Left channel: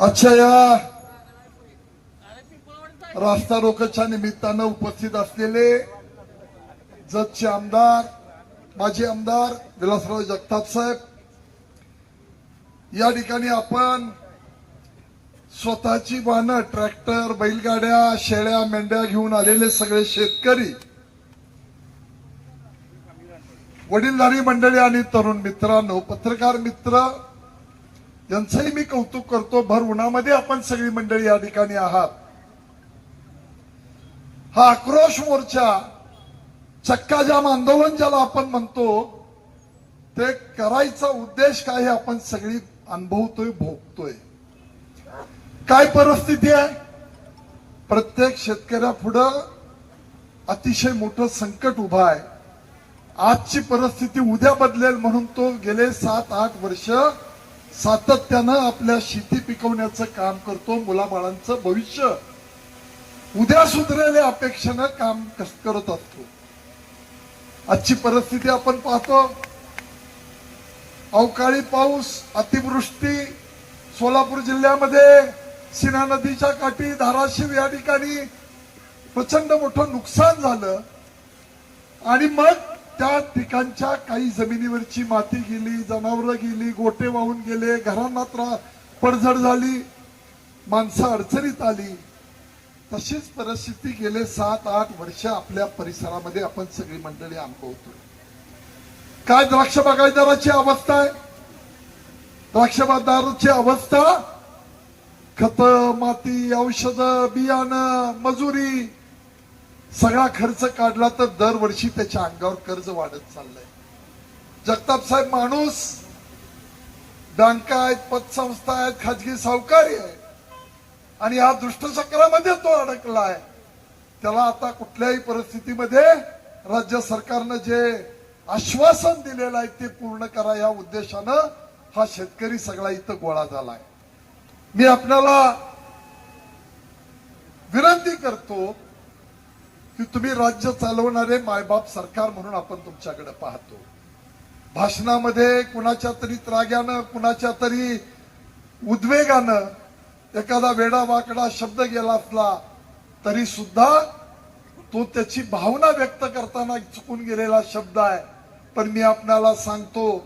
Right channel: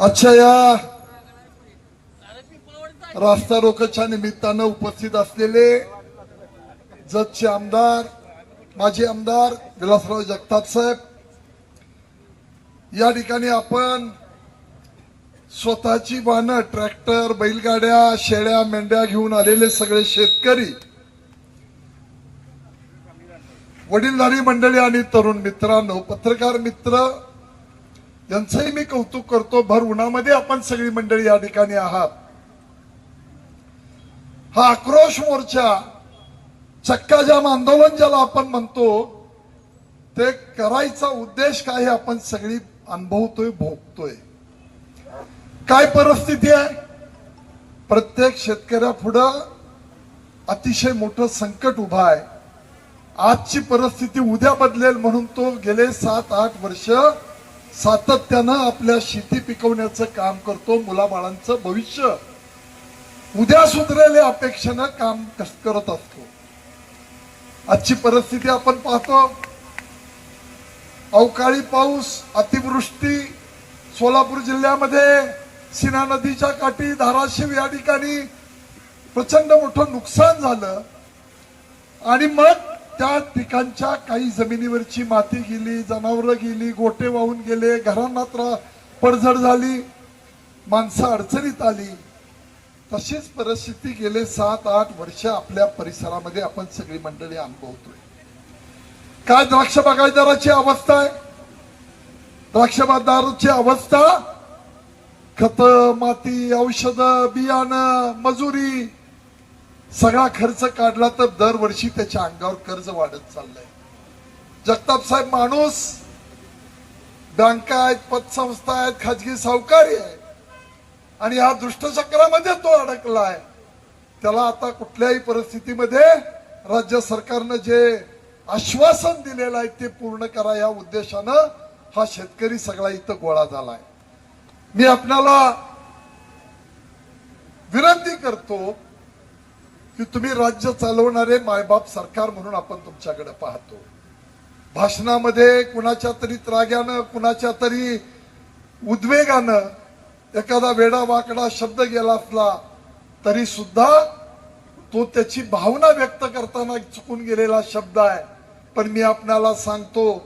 आजच्या या रास्ता रोकच्या निमित्तानं उपस्थित असलेले जतचे आमदार माजी आमदार विलासराव जगताप साहेब या ठिकाणी आपण स्वतःची वाहनं ट्रॅक्टर बैलगाड्या शेळ्या मेंढ्या घेऊन आलेले सगळे शेतकरी वडीलधारी मंडळी आणि तरुण मित्रांनो पत्रकार मित्र यांचंही मी कौतुक करतो भर उन्हामध्ये आपण सगळी मंडळी या ठिकाणी आहात. हा आक्रोश मोर्चा चक्काजाम आंदोलन ज्याला आपण म्हणतो ते करायचा उद्देश काय आपण सगळी अनुभवतोय भोगतोय. काय परिस्थिती आहे? प्रत्येक शेतकऱ्यापुढं अतिशय मोठं संकट उभं आहे. आजची परिस्थिती उद्या बदलेल म्हणून तो गेले सात आठ वर्ष सातत्यानं आपल्या शेती पिकवण्याचं काम करतो मुलाबाळांचं भविष्य. उद्या सुधरेल अपेक्षेनं काम करत असतो. आजची परिस्थिती आपण पाहतो. अवकाळी पाऊस अतिवृष्टी सोलापूर जिल्ह्यामध्ये सीना नदीच्या काठी धाराशिव या ठिकाणी प्रचंड मोठं नुकसान झालं. आणि मग त्या ठिकाणच्या काही जमिनीवरची माती गेली जनावरं गेली गोटे वाहून गेले घरांना त्रा पडझड झाली माणसं अडचणीत आली. तशीच परिस्थिती गेले सात आठ वर्ष आपल्या परिसरामध्ये आपण सगळी मंडळी अनुभवतोय काय द्राक्ष बागायदाराची अवस्था आहे? द्राक्ष बागदाराची अवस्था? खत माती औषध बियाणं मजुरी सगळा खर्च काढला तर दरवर्षी त्याच्या अंगावर कर्ज वाढत चाललंय. जगताप साहेब माणूस बँका आहेत पतसंस्था आहेत खाजगी सावकारी आहे आणि या दुष्टचक्रामध्ये तो अडकला आहे. त्याला आता कुठल्याही परिस्थितीमध्ये राज्य सरकारनं जे आश्वासन दिलेलं आहे ते पूर्ण करा या उद्देशानं हा शेतकरी सगळा इथं गोळा झालाय. मी आपल्याला विनंती करतो की तुम्ही राज्य चालवणारे मायबाप सरकार म्हणून आपण तुमच्याकडे पाहतो. भाषणामध्ये कुणाच्या तरी त्राग्यानं कुणाच्या तरी उद्वेगानं एखादा वेडा वाकडा शब्द गेला असला तरी सुद्धा तो त्याची भावना व्यक्त करताना चुकून गेलेला शब्द आहे. पण मी आपल्याला सांगतो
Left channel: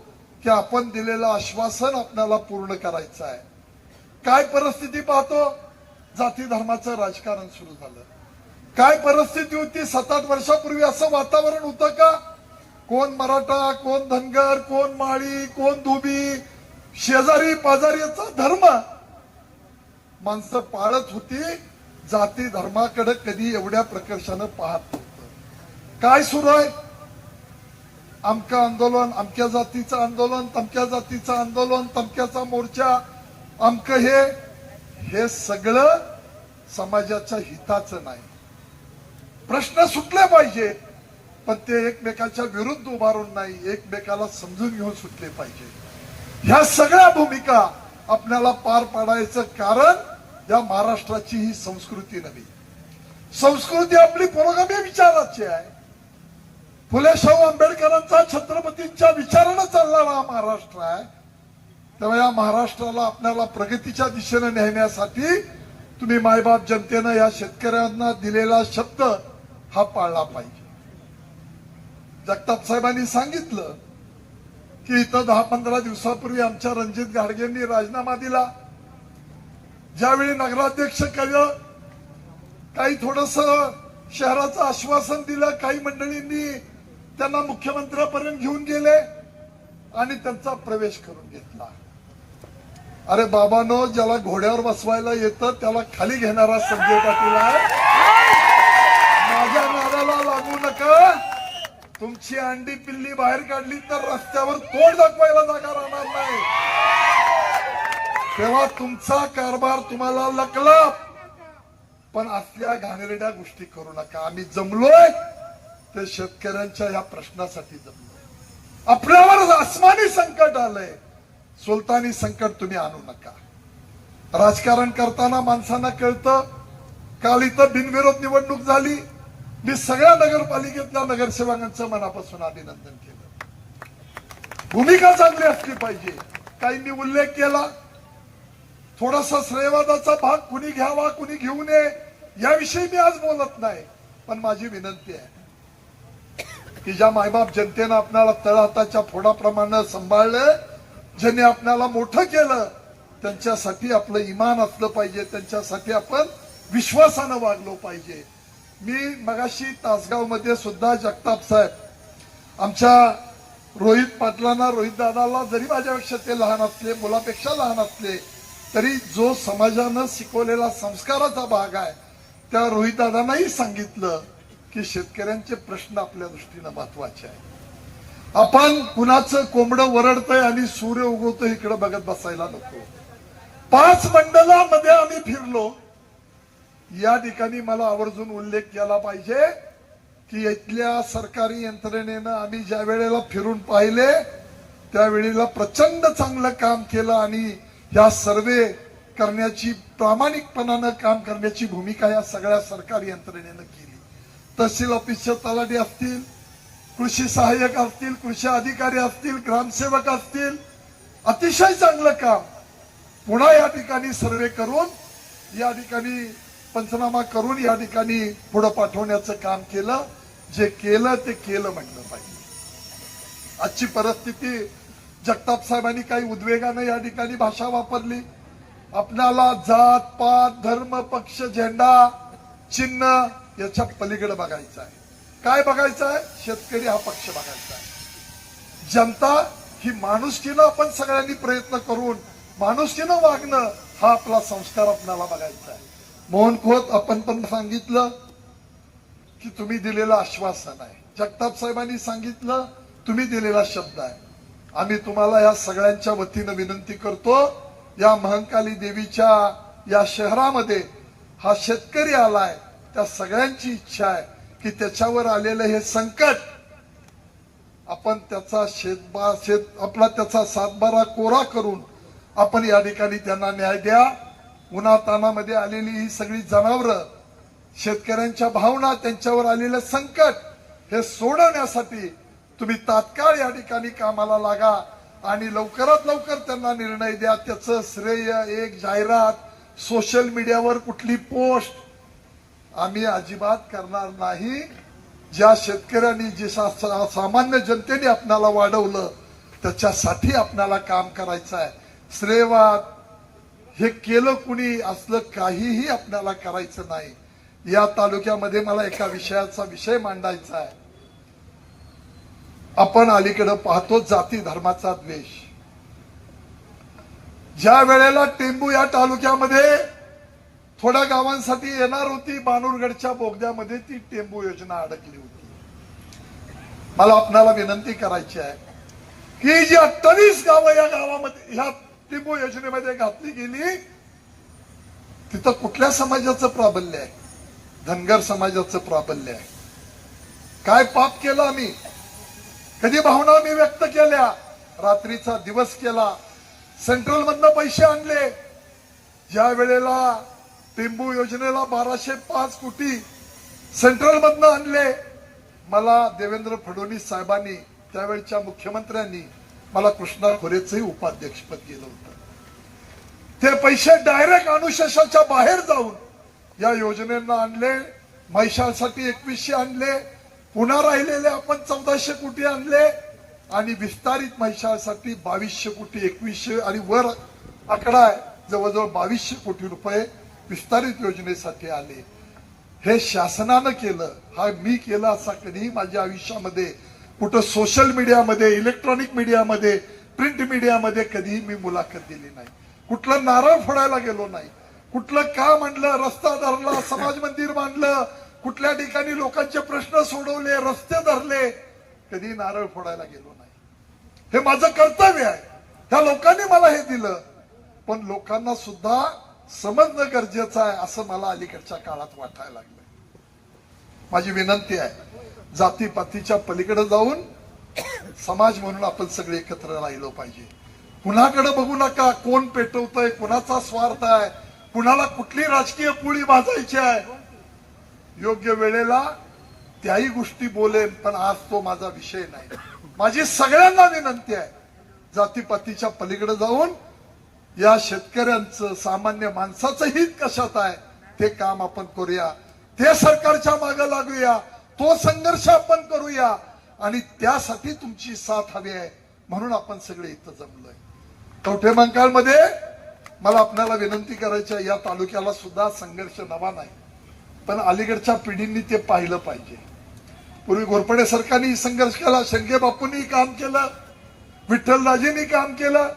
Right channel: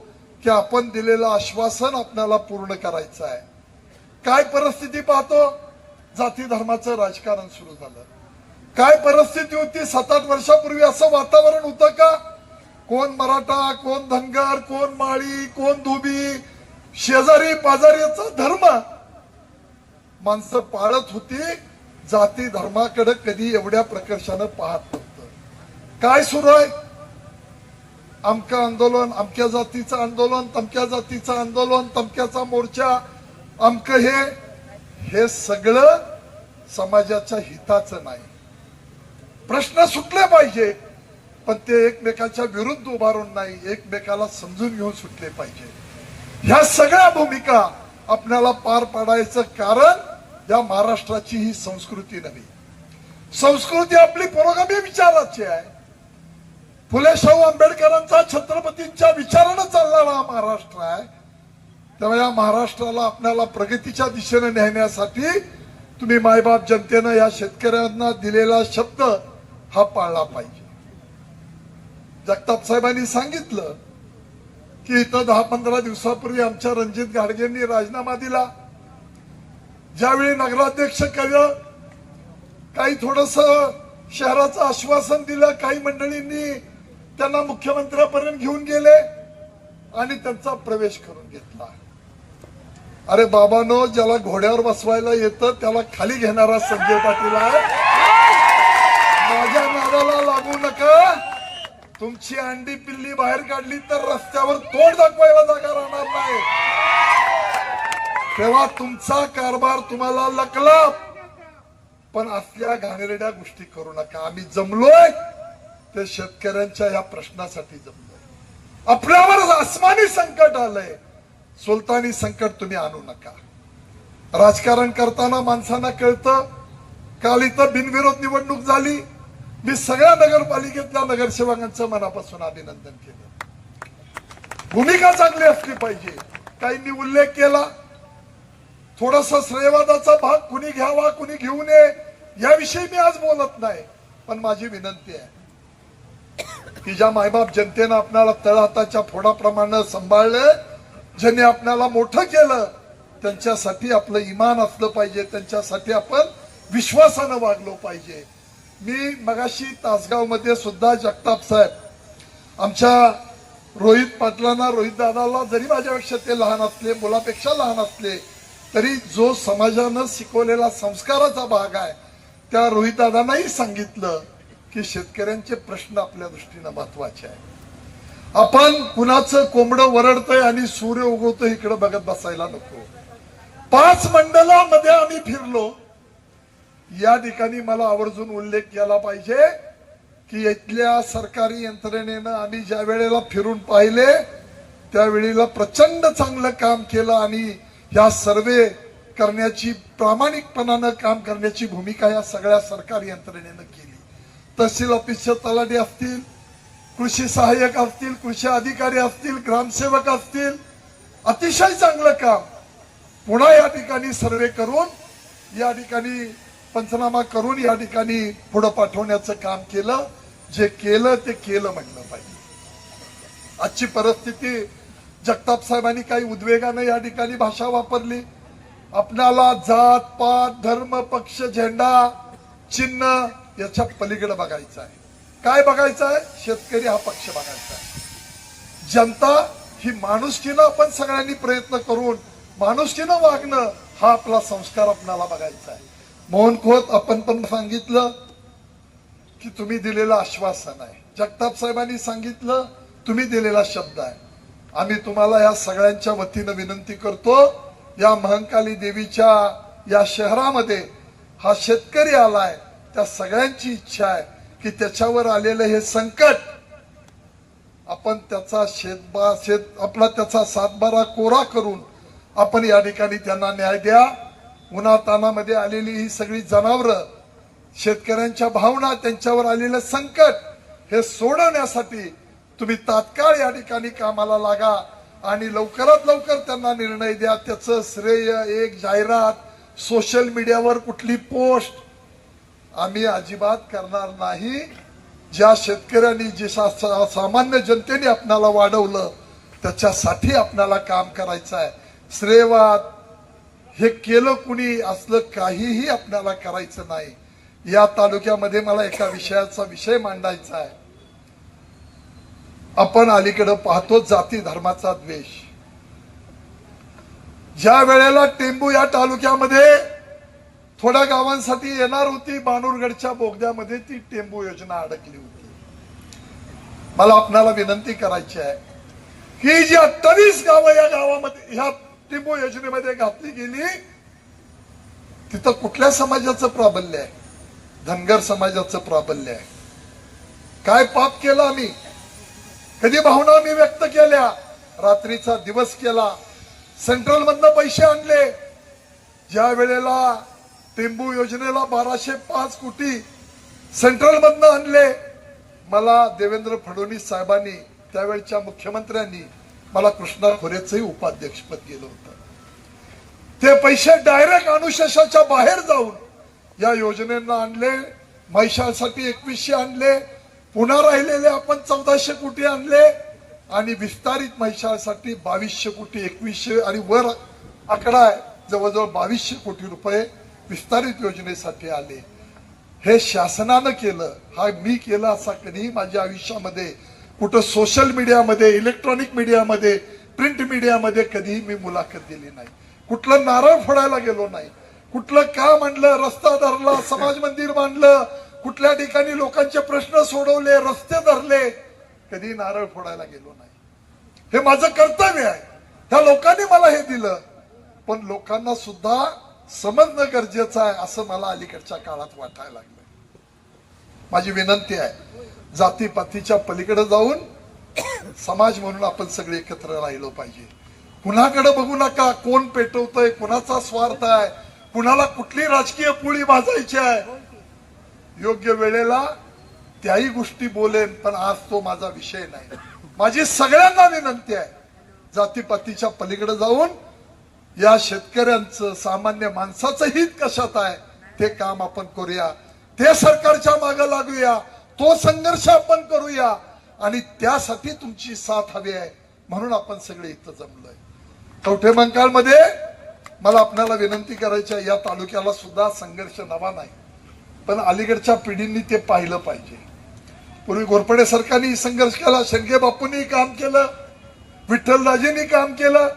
की आपण दिलेलं आश्वासन आपल्याला पूर्ण करायचं आहे. काय परिस्थिती पाहतो? जाती धर्माचं राजकारण सुरू झालं. काय परिस्थिती होती? सात आठ वर्षापूर्वी असं वातावरण होतं का? कोण मराठा कोण धनगर कोण माळी कोण धुबी? शेजारी पाजारीचा धर्म. माणसं पाळत होती जाती धर्माकडे कधी एवढ्या प्रकर्षानं पाहत नव्हतं. काय सुरू आहे? अमकं आंदोलन अमक्या जातीचं आंदोलन तमक्या जातीचं आंदोलन तमक्याचा मोर्चा अमकं हे हे सगळं समाजाच्या हिताचं नाही. प्रश्न सुटले पाहिजे. पण ते एकमेकाच्या विरुद्ध उभारून नाही एकमेकाला समजून घेऊन सुटले पाहिजे. ह्या सगळ्या भूमिका आपल्याला पार पाडायचं कारण या महाराष्ट्राची ही संस्कृती नव्हे. संस्कृती आपली पुरोगामी विचाराची आहे. फुले शाहू आंबेडकरांचा छत्रपतींच्या विचारानं चालणारा हा महाराष्ट्र आहे. तेव्हा या महाराष्ट्राला आपल्याला प्रगतीच्या दिशेने नेण्यासाठी तुम्ही मायबाप जनतेनं या शेतकऱ्यांना दिलेला शब्द हा पाळला पाहिजे. जगताप साहेबांनी सांगितलं की इथं दहा पंधरा दिवसापूर्वी आमच्या रणजित गाडगेंनी राजीनामा दिला. ज्यावेळी नगराध्यक्ष केलं काही थोडस शहराचं आश्वासन दिलं काही मंडळींनी त्यांना मुख्यमंत्र्यापर्यंत घेऊन गेले आणि त्यांचा प्रवेश करून घेतला. अरे बाबानो ज्याला घोड्यावर बसवायला येतं त्याला खाली घेणारा संजय पाटील आहे. माझ्या नादाला लागू नका. तुमची अंडी पिल्ली बाहेर काढली तर रस्त्यावर तोड दाखवायला जागा राहणार नाही. तेव्हा तुमचा कारभार तुम्हाला लकला. पण असल्या घाणेरड्या गोष्टी करू नका. आम्ही जमलोय. ते शेतकऱ्यांच्या या प्रश्नासाठी जमलोय. आपल्यावर आसमानी संकट आलंय. सुलतानी संकट तुम्ही आणू नका. राजकारण करताना माणसांना कळतं. काल इथं बिनविरोध निवडणूक झाली. मी सगळ्या नगरपालिकेतल्या नगरसेवकांचं मनापासून अभिनंदन केलं. भूमिका चांगली असली पाहिजे. काहींनी उल्लेख केला. थोडस श्रेयवादाचा भाग कुणी घ्यावा कुणी घेऊ नये याविषयी मी आज बोलत नाही. पण माझी विनंती आहे की ज्या मायबाप जनतेनं आपल्याला तळहाताच्या फोडाप्रमाणे सांभाळलं ज्यांनी आपल्याला मोठं केलं त्यांच्यासाठी आपलं इमान असलं पाहिजे त्यांच्यासाठी आपण विश्वासानं वागलो पाहिजे. मी मगाशी तासगावमध्ये सुद्धा जगताप साहेब आमच्या रोहित पाटलांना रोहित दादाला जरी माझ्यापेक्षा ते लहान असले मुलापेक्षा लहान असले तरी जो समाजानं शिकवलेला संस्काराचा भाग आहे त्या रोहित दादांनाही सांगितलं की शेतकऱ्यांचे प्रश्न आपल्या दृष्टीनं महत्त्वाचे आहे आपण कुणाचं कोंबडं वरडतंय आणि सूर्य उगवतोय इकडे बघत बसायला नको. पाच मंडळामध्ये आम्ही फिरलो या ठिकाणी मला आवर्जून उल्लेख केला पाहिजे की इथल्या सरकारी यंत्रणेनं आम्ही ज्या वेळेला फिरून पाहिले त्यावेळेला प्रचंड चांगलं काम केलं आणि या सर्वे करण्याची प्रामाणिकपणानं काम करण्याची भूमिका या सगळ्या सरकारी यंत्रणेनं केली. तहसील ऑफिसचे तलाठी असतील कृषी सहाय्यक असतील कृषी अधिकारी असतील ग्रामसेवक असतील अतिशय चांगलं काम. पुन्हा या ठिकाणी सर्वे करून या ठिकाणी पंचनामा करून या ठिकाणी पुढे पाठवण्याचं काम केलं. जे केलं ते केलं म्हणलं पाहिजे. आजची परिस्थिती जगताप साहेबांनी काही उद्वेगानं या ठिकाणी भाषा वापरली. आपल्याला जात पात धर्म पक्ष झेंडा चिन्ह याच्या पलीकडे बघायचं आहे. काय बघायचं आहे? शेतकरी हा पक्ष बघायचा आहे. जनता ही माणुसकीनं आपण सगळ्यांनी प्रयत्न करून माणुसकीनं वागणं हा आपला संस्कार आपल्याला बघायचा आहे. मोहन खोत आपण पण सांगितलं की तुम्ही दिलेलं आश्वासन आहे. जगताप साहेबांनी सांगितलं तुम्ही दिलेला शब्द आहे. आम्ही तुम्हाला या सगळ्यांच्या वतीनं विनंती करतो या महंकाली देवीच्या या शहरामध्ये हा शेतकरी आलाय त्या सगळ्यांची इच्छा आहे की त्याच्यावर आलेलं हे संकट आपण त्याचा शेतबा शेत आपला त्याचा सातबारा कोरा करून आपण या ठिकाणी त्यांना न्याय द्या. उन्हातानामध्ये आलेली ही सगळी जनावरं शेतकऱ्यांच्या भावना त्यांच्यावर आलेलं संकट हे सोडवण्यासाठी तुम्ही तात्काळ या ठिकाणी कामाला लागा आणि लवकरात लवकर त्यांना निर्णय द्या. त्याचं श्रेय एक जाहिरात सोशल मीडियावर कुठली पोस्ट आम्ही अजिबात करणार नाही. ज्या शेतकऱ्यांनी जे सा- सामान्य जनतेने आपणाला वाढवलं त्याच्यासाठी आपणाला काम करायचं आहे. श्रेयवाद हे केलं कुणी असलं काहीही आपल्याला करायचं नाही. या तालुक्यामध्ये मला एका विषयाचा विषय मांडायचा आहे. आपण अलीकडे पाहतो जाती धर्माचा द्वेष. ज्या वेळेला टेंबू या तालुक्यामध्ये थोड्या गावांसाठी येणार होती बानूरगडच्या बोगद्यामध्ये ती टेंबू योजना अडकली होती. मला आपणाला विनंती करायची आहे की जी अठ्ठावीस गावं या गावामध्ये ह्या टेंबू योजनेमध्ये घातली गेली तिथं कुठल्या समाजाचं प्राबल्य आहे? धनगर समाजाचं प्राबल्य आहे. काय पाप केला आम्ही? कधी भावना मी व्यक्त केल्या? रात्रीचा दिवस केला. सेंट्रल मधनं पैसे आणले. ज्या वेळेला टेंबू योजनेला बाराशे पाच कोटी सेंट्रल मधनं आणले मला देवेंद्र फडणवीस साहेबांनी त्यावेळच्या मुख्यमंत्र्यांनी मला कृष्णा खोरेचंही उपाध्यक्षपद केलं होतं. ते पैसे डायरेक्ट अनुशेषाच्या बाहेर जाऊन या योजनेना आणले म्हैशाळसाठी एकवीसशे आणले पुन्हा राहिलेले आपण चौदाशे कोटी आणले आणि विस्तारित म्हैशाळसाठी बावीसशे कोटी एकवीसशे आणि वर आकडा आहे जवळजवळ बावीसशे कोटी रुपये विस्तारित योजनेसाठी आले. हे शासनानं केलं हा मी केलं असा कधीही माझ्या आयुष्यामध्ये कुठं सोशल मीडियामध्ये इलेक्ट्रॉनिक मीडियामध्ये प्रिंट मीडियामध्ये कधीही मी मुलाखत दिली नाही. कुठलं नारळ फोडायला गेलो नाही. कुठलं का म्हणलं रस्ता धरला समाज मंदिर बांधलं कुठल्या ठिकाणी लोकांचे प्रश्न सोडवले रस्ते धरले कधी नारळ फोडायला गेलो नाही. हे माझं कर्तव्य आहे. त्या लोकांनी मला हे दिलं. पण लोकांना सुद्धा समजणं गरजेचं आहे असं मला अलीकडच्या काळात वाटायला लागलं. माझी विनंती आहे जातीपातीच्या पलीकडे जाऊन समाज म्हणून आपण सगळे एकत्र राहिलो पाहिजे. कुणाकडे बघू नका कोण पेटवतोय कुणाचा स्वार्थ आहे कुणाला कुठली राजकीय पोळी भाजायची आहे. योग्य वेळेला त्याही गोष्टी बोलेन पण आज तो माझा विषय नाही. माझी सगळ्यांना विनंती आहे जातीपातीच्या पलीकडे जाऊन या शेतकऱ्यांचं सामान्य माणसाचं हित कशात आहे ते काम आपण करूया. ते सरकारच्या मागे लागूया तो संघर्ष आपण करूया आणि त्यासाठी तुमची साथ हवी आहे म्हणून आपण सगळे इथं जमलोय. कवठे मंकाळमध्ये मला आपल्याला विनंती करायची आहे या तालुक्याला सुद्धा संघर्ष नवा नाही पण अलीकडच्या पिढींनी ते पाहिलं पाहिजे. पूर्वी घोरपडे सरकारने संघर्ष केला शेंगे बापूंनी काम केलं विठ्ठलराजेंनी काम केलं.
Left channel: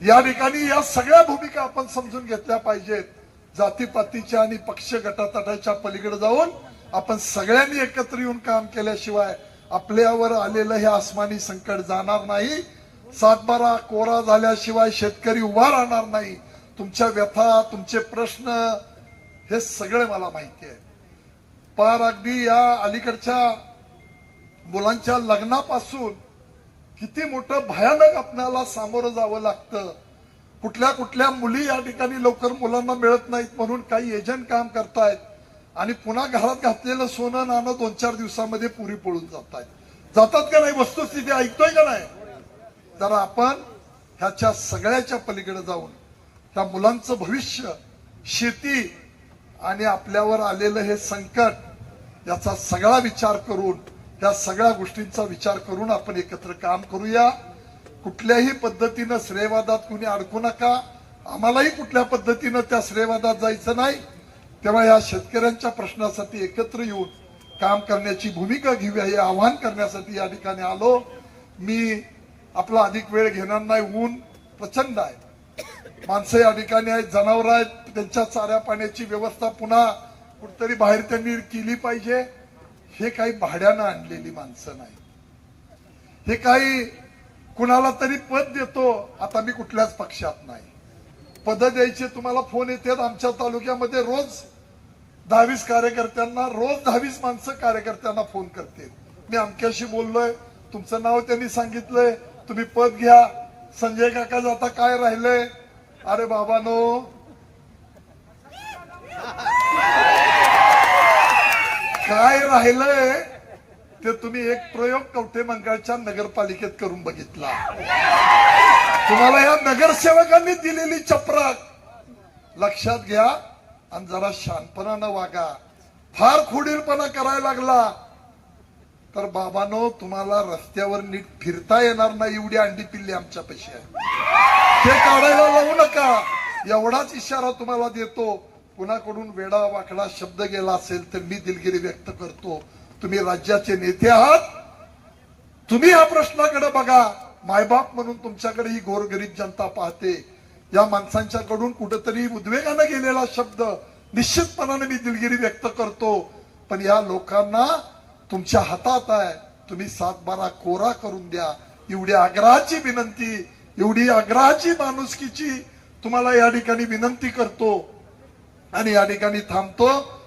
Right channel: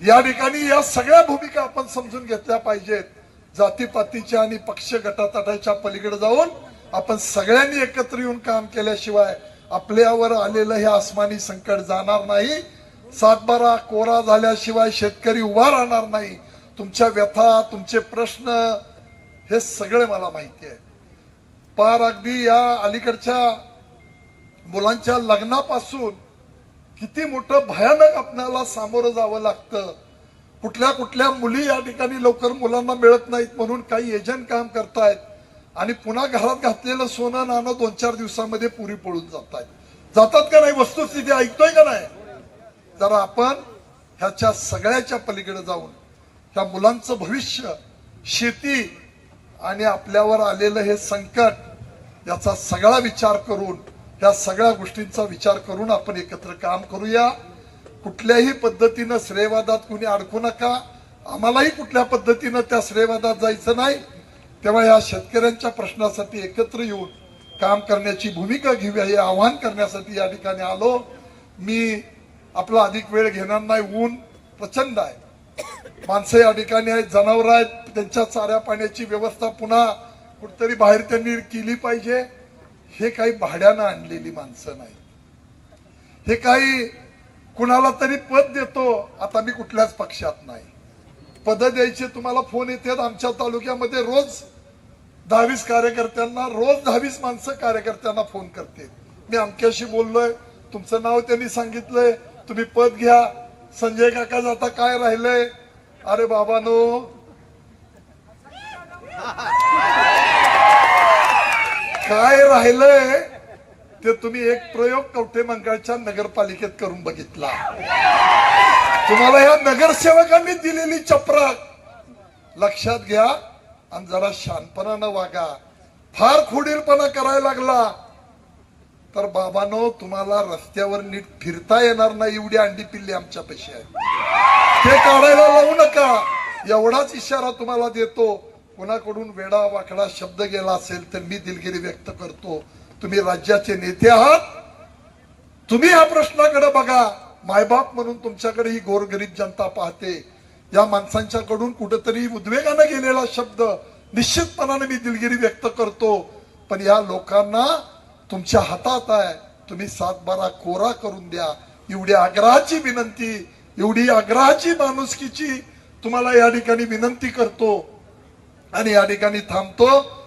या ठिकाणी या सगळ्या भूमिका आपण समजून घेतल्या पाहिजेत. जातीपातीच्या आणि पक्ष गटातटाच्या पलीकडे जाऊन आपण सगळ्यांनी एकत्र येऊन काम केल्याशिवाय आपल्यावर आलेलं हे आसमानी संकट जाणार नाही. सातबारा कोरा झाल्याशिवाय शेतकरी उभा राहणार नाही. तुमच्या व्यथा तुमचे प्रश्न हे सगळे मला माहिती आहे. पार अगदी या अलीकडच्या मुलांच्या लग्नापासून किती मोठं भयानक आपल्याला सामोरं जावं लागतं. कुठल्या कुठल्या मुली या ठिकाणी लवकर मुलांना मिळत नाहीत म्हणून काही एजंट काम करतायत. आणि पुन्हा घरात घातलेलं सोनं नाणं दोन चार दिवसामध्ये पुरी पळून जात आहेत जातात का नाही वस्तुस्थिती ऐकतोय का नाही? जरा आपण ह्याच्या सगळ्याच्या पलीकडे जाऊन ह्या मुलांचं भविष्य शेती आणि आपल्यावर आलेलं हे संकट याचा सगळा विचार करून या सगळ्या गोष्टींचा विचार करून आपण एकत्र काम करूया. कुठल्याही पद्धतीनं श्रेयवादात कुणी अडकू नका. आम्हालाही कुठल्या पद्धतीनं त्या श्रेयवादात जायचं नाही. तेव्हा या शेतकऱ्यांच्या प्रश्नासाठी एकत्र येऊन काम करण्याची भूमिका घेऊया हे आवाहन करण्यासाठी या ठिकाणी आलो. मी आपला अधिक वेळ घेणार नाही ऊन प्रचंड आहे. माणसं या ठिकाणी आहेत जनावर आहेत त्यांच्या चाऱ्या पाण्याची व्यवस्था पुन्हा कुठतरी बाहेर त्यांनी केली पाहिजे. हे काही भाड्यानं आणलेली माणसं नाही. हे काही कुणाला तरी पद देतो. आता मी कुठल्याच पक्षात नाही. पद द्यायचे तुम्हाला फोन येतात. आमच्या तालुक्यामध्ये रोज दहावीस कार्यकर्त्यांना रोज दहावीस माणसं कार्यकर्त्यांना फोन करते. मी अमक्याशी बोललोय. तुमचं नाव त्यांनी सांगितलंय. तुम्ही पद घ्या. संजय काका जाता काय राहिलंय? अरे बाबानो. काय राहिलंय? ते तुम्ही एक प्रयोग कवठे मंगळच्या नगरपालिकेत करून बघितला. तुम्हाला या नगरसेवकांनी दिलेली चपराक लक्षात घ्या आणि जरा शांतपणानं वागा. फार खोडीलपणा करायला लागला. तर बाबानो तुम्हाला रस्त्यावर नीट फिरता येणार नाही एवढी अंडी पिल्ली आमच्या पैसे आहे. ते काढायला लावू नका. एवढाच इशारा तुम्हाला देतो. कुणाकडून वेडा वाकडा शब्द गेला असेल तर मी दिलगिरी व्यक्त करतो. तुम्ही राज्याचे नेते आहात. तुम्ही ह्या प्रश्नाकडे बघा. मायबाप म्हणून तुमच्याकडे ही गोरगरीब जनता पाहते. या माणसांच्याकडून कुठेतरी उद्वेगानं गेलेला शब्द निश्चितपणाने मी दिलगिरी व्यक्त करतो. पण या लोकांना तुमच्या हातात आहे. तुम्ही सातबारा कोरा करून द्या. एवढी आग्रहाची विनंती एवढी आग्रहाची माणुसकीची तुम्हाला या ठिकाणी विनंती करतो. आणि या ठिकाणी थांबतो.